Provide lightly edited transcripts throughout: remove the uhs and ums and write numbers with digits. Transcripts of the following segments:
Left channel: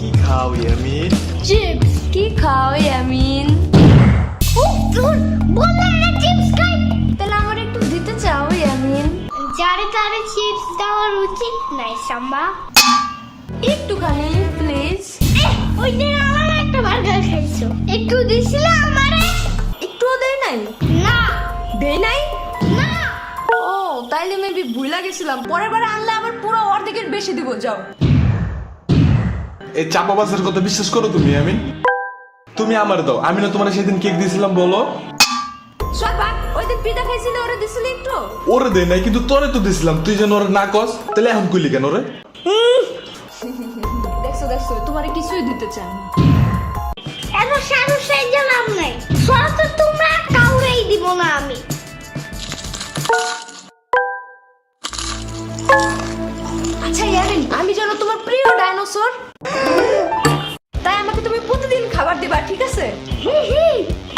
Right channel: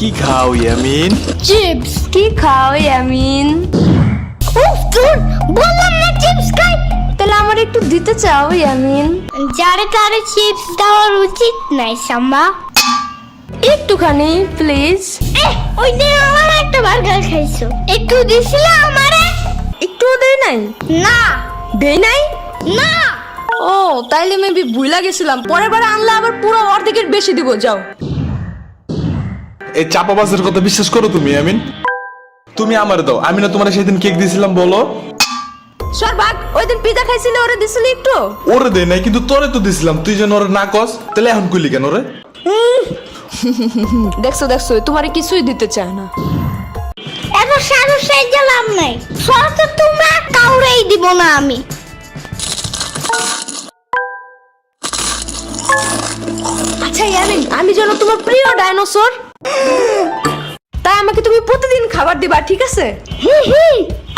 কি খাও ইয়ামিন? চিপস। কি খাও ইয়ামিন? উফ ধুর, বললাম না চিপস খাই। তাহলে আমার একটু দিতে চাও ইয়ামিন? যারে তারে চিপস দেওয়ার উচিত নাই সাম্বা। একটুখানি প্লিজ। ওই দিন আমার একটা বার্গার খাইছো, একটু দিছিলে আমারে? একটু দেই নাই? না দেই নাই। না। ও তাইলে মেবি ভুলা গেছিলাম, পরের বার আনলে আবার পুরো অর্ধেকের বেশি দিব। যাও। এই চাপাবাজের কথা বিশ্বাস করো তুমি ইয়ামিন? তুমি আমার দাও, আমি না তোমার সেদিন কেক দিয়েছিলাম বলো? সরবাক ওই দিন পিজা খাইছিলে, ওরে দিছিলি একটু? ওরে দেয় নাই, কিন্তু তোরে তো দিছিলাম, তুই যেন ওরে না কস, তাহলে এখন কইলি কেন রে? দেখছো দেখছো, তোমারে কিছুই দিতে চায় না। এত সাহস সাইজা লাভ নাই, সব তো তোমরা কাউরেই দিব না আমি। আচ্ছা ইয়ামিন, আমি যেন তোমার প্রিয় ডাইনোসর, তাই আমাকে তুমি প্রতিদিন খাবার দিবা, ঠিক আছে?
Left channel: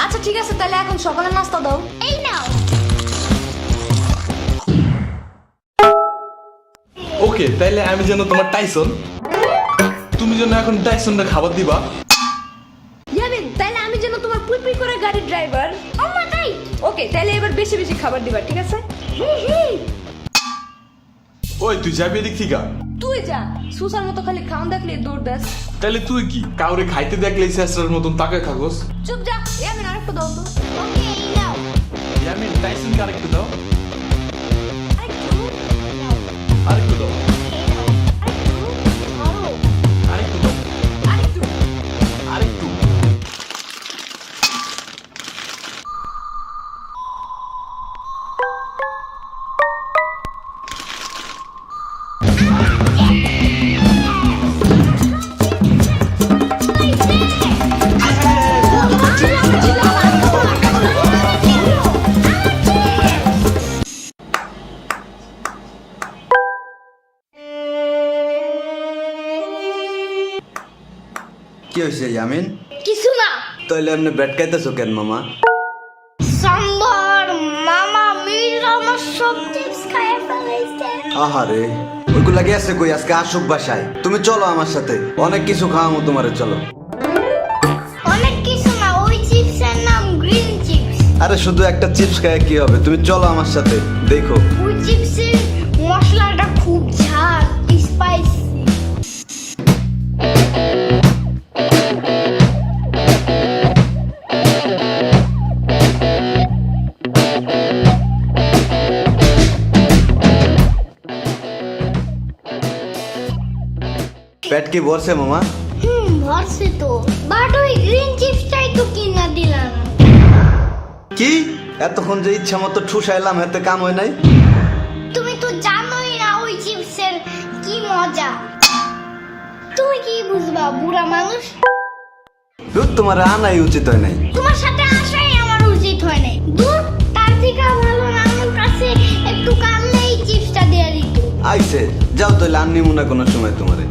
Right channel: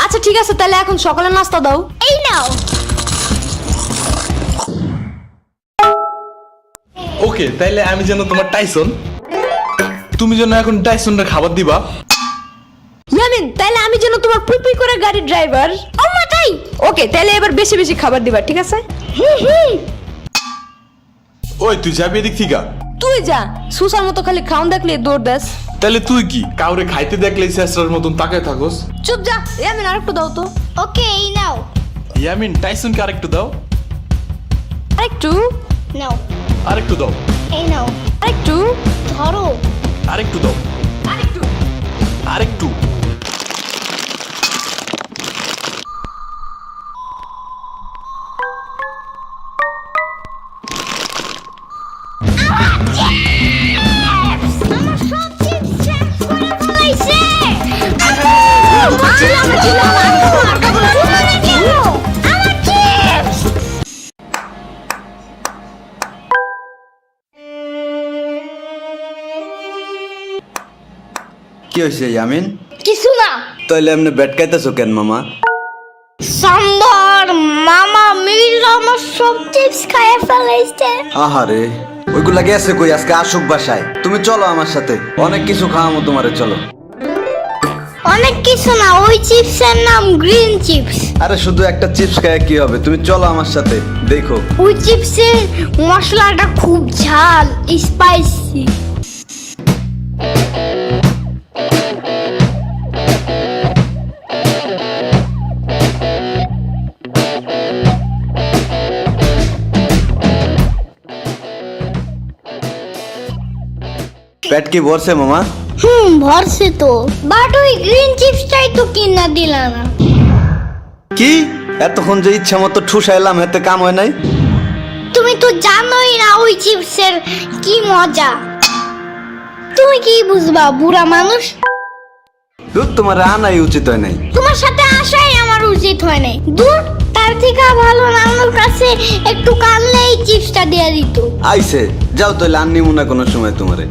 আচ্ছা ঠিক আছে, তাহলে এখন সকালে নাস্তা দাও। এই নাও। ওকে, তাইলে আমি যেন তোমার টাইসন, তুমি যেন এখন টাইসনটা খাবার দিবা। ইয়ামিন, তাইলে আমি যেন তোমার পুই করে গাড়ির ড্রাইভার। আল্লাহ তাই। ওকে, তাইলে এবার বেশি বেশি খাবার দিবা, ঠিক আছে? ওই তুই যাবি এদিক থেকে? তুই যা, সুসার মতো খালি খাওন দেখলে দৌড় দাস। তাহলে তুই কি কাউরে খাইতে দেখলে শেষরার মতন তাকে থাকোস? চুপ যা। ইয়ামিন আরেকটু দাও তো। ওকে, এই নাও। ইয়ামিন, টাইসনকে আরেকটু দাও। আরেকটু নাও। আরেকটু দাও। এই নাও। আরেকটু ধরো। আরেকটু দাও। আরেকটু। আরেকটু। কি হয়েছে ইয়ামিন? কিছু না। তাইলে এমনি ব্যাট খাইতেছো কেন মামা? সাম্বার মামা মিল আমার সব চিপস খাইয়ে ফেলাইছে। আহারে, ওইগুলা গেছে কই? আজকে আসুক বাসায়। তুমি চলো আমার সাথে, অনেক কিছু খাওয়ামো তোমারে, চলো। অনেক কিছু না, ওই চিপসের নাম গ্রিন চিপস। আরে শুধু একটা চিপস খায় কি হবে? তুমি চলো আমার সাথে, দেখো। ওই চিপসের মশলাটা খুব ঝাল, স্পাইসি। পেট কি ভরছে মামা? ভরছে তো, বাট ওই গ্রিন চিপসটাই তো কিনা দিলা না। কি এতক্ষণ যে ইচ্ছা মতো ঠুসাইলাম, এতে কাম হয় নাই? তুমি তো জানোই না ওই চিপসের কি মজা। তুমি কি বুঝবা, বুড়া মানুষ? দুধ তোমার আনাই উচিত হয় নাই। তোমার সাথে আসাই আমার উচিত হয় নাই। দূর, তার থেকে ভালো না আমার কাছে একটু কানলে এই চিপসটা দিয়ে দিত। আইসে যাও, তাহলে আননিমু না কোনো সময় তোমারে।